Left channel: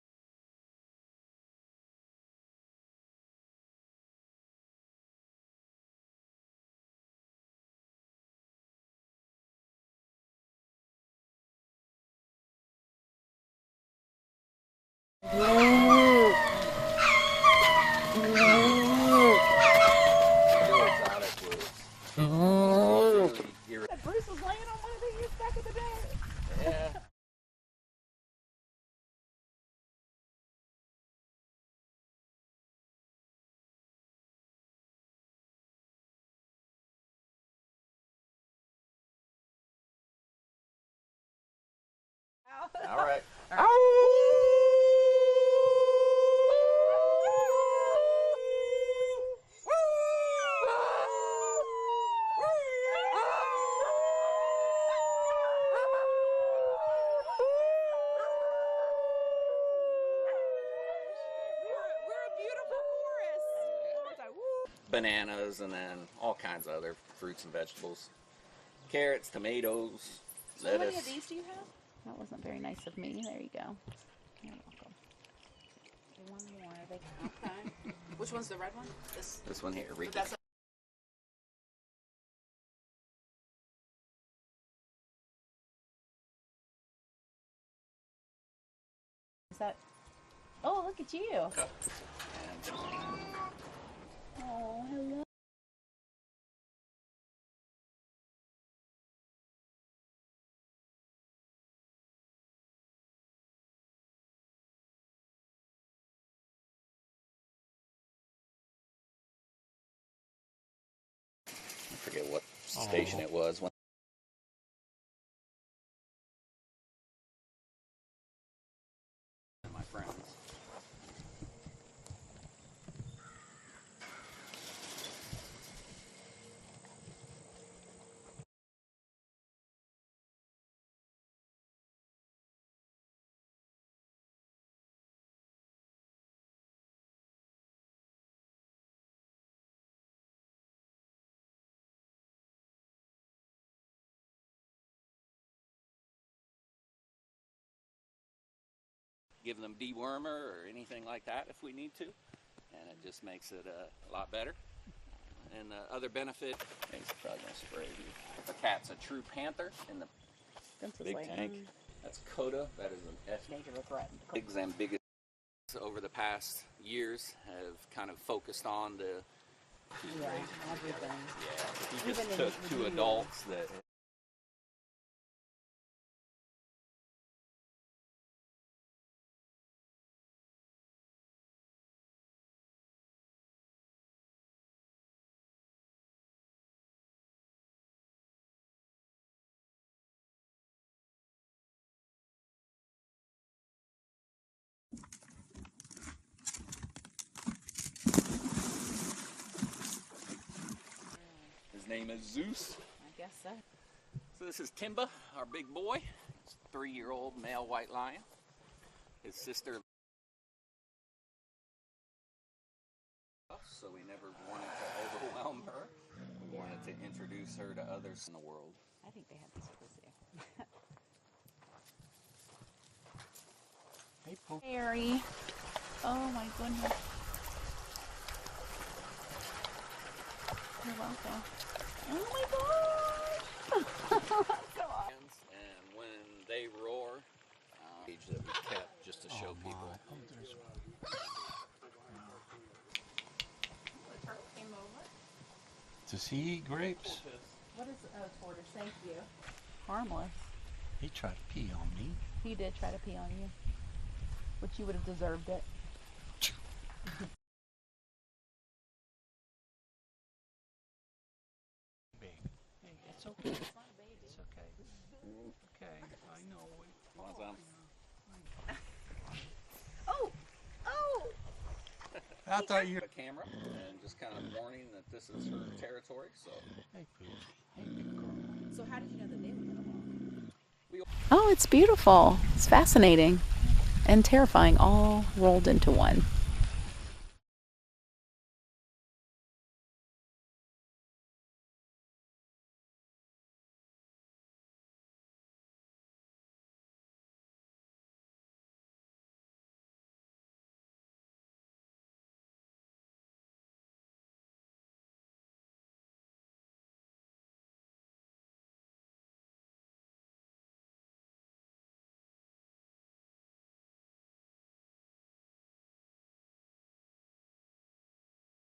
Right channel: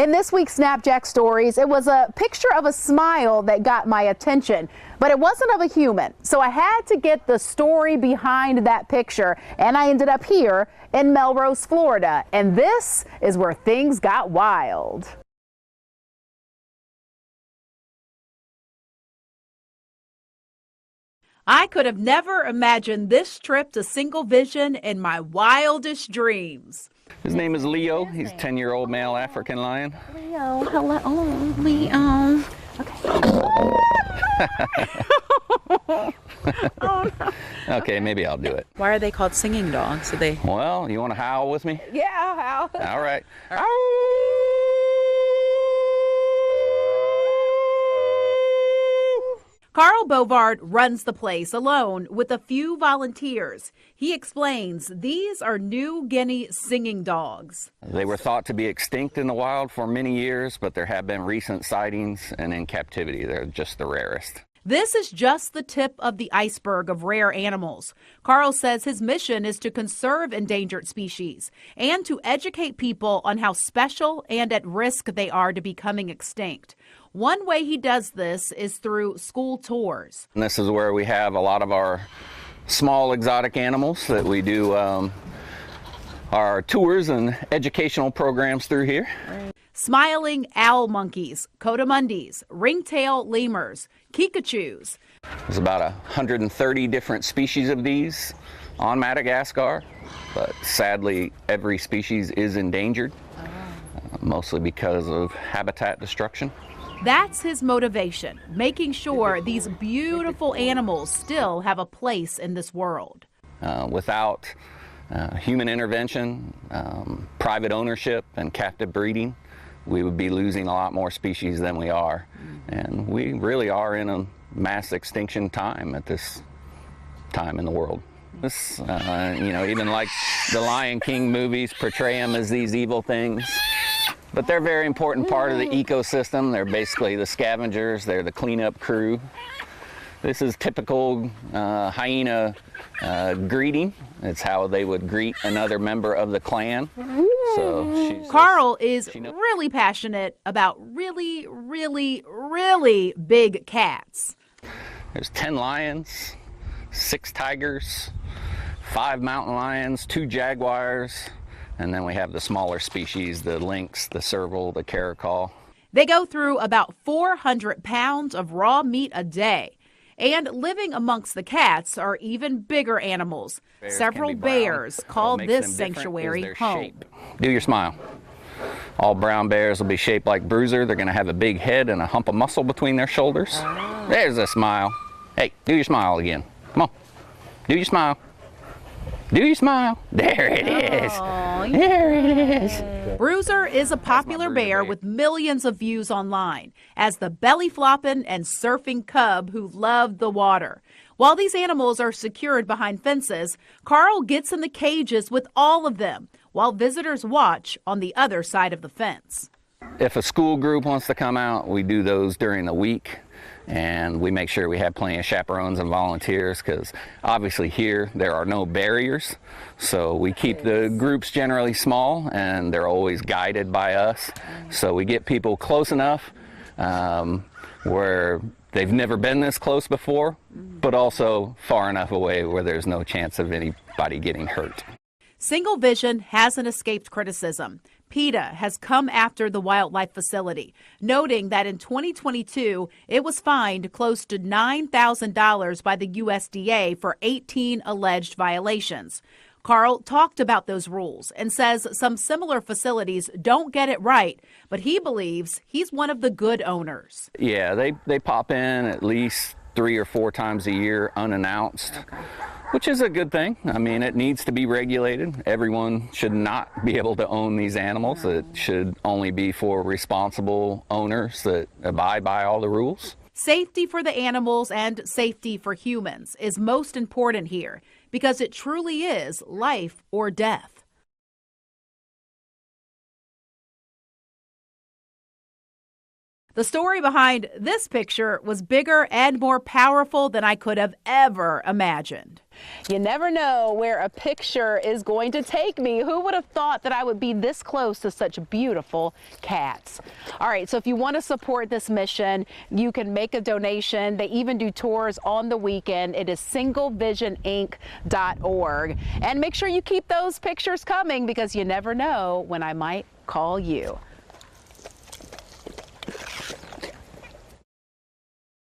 In this week's SnapJAX Stories, it was a picture of a smile that got my attention, but it wasn't of a human. So I had to get the story behind that picture, and I ended up here in Melrose, Florida. And this is where things got wild. I could have never imagined this trip to Single Vision in my wildest dreams. His name is Leo. He's a 10-year-old male African lion. Leo, hello. Oh, Leo. Okay. Oh, no. Okay, maybe I'll do it. Why are they called singing dogs? Well, you want to howl with me? Yeah, howl. All right. Carl Bovard runs the place alone with a few volunteers. He explains these are New Guinea singing dogs. They were thought to be extinct in the wild for many years, but there have been recent sightings, and in captivity they're just the rarest. This is just the tip of the iceberg of rare animals. Carl says his mission is to conserve endangered species and to educate people on how special and at risk they are to becoming extinct. One way he does this is through school tours. And this is where we have a lot of our small exotic animals that we do our tours and educational programs through here. Smiling owl monkeys, coatimundis, ringtail lemurs, kikachus. There's about 130 different species of these on Madagascar, but sadly every species is endangered, mostly because of habitat destruction. That's his motivation, making sure these beautiful animals still have a place in this world. Without human intervention, private ownership, and captive breeding, we would be losing a lot more species than we are. And we really are in a mass extinction time at this time in the world. This, even like the Lion King movies portray them as these evil things. But they're a very important part of the ecosystem. They're basically the scavengers. They're the cleanup crew. This is typical hyena greeting. It's how they would greet another member of the clan. So Carl is really passionate about really, really, really big cats. There's 10 lions, 6 tigers, 5 mountain lions, 2 jaguars, and then we have the smaller species, the lynx, the serval, the caracal. They go through about 400 pounds of raw meat a day. And living amongst the cats are even bigger animals. Several bears call this sanctuary home. Do your smile. All brown bears will be shaped like Bruiser. They're going to have a big head and a hump of muscle between their shoulders. There's a smile. Hey, do your smile again. Come on. Do your smile. Do you smile? There it is. Aww, there it is. Bruiser is a popular bear with millions of views online as the belly flopping and surfing cub who love the water. While these animals are secured behind fences, Carl gets in the cages with all of them while visitors watch on the other side of the fence. If a school group wants to come out, we do those during the week. And we make sure we have plenty of chaperones and volunteers because obviously here there are no barriers. So we keep the groups generally small and they're always guided by us. So we get people close enough where they've never been this close before, but also far enough away where there's no chance of anybody getting hurt. Single Vision hasn't escaped criticism. PETA has come after the wildlife facility, noting that in 2022, it was fined close to $9,000 by the USDA for 18 alleged violations. Carl talked about those rules and says some similar facilities don't get it right, but he believes he's one of the good owners. Yeah, they pop in at least 3 or 4 times a year unannounced. Which is a good thing. I mean, it needs to be regulated. Everyone should not be able to own these animals. It should only be for responsible owners that abide by all the rules. Safety for the animals and safety for humans is most important here because it truly is life or death. Oh, it's beautiful. It's fascinating and terrifying all rolled into one. The story behind this picture was bigger and more powerful than I could have ever imagined. You never know where a picture is going to take me. Who would have thought that I would be this close to such beautiful cats? All right, so if you want to support this mission, you can make a donation. They even do tours on the weekend. It is singlevisioninc.org. And make sure you keep those pictures coming because you never know when I might call you.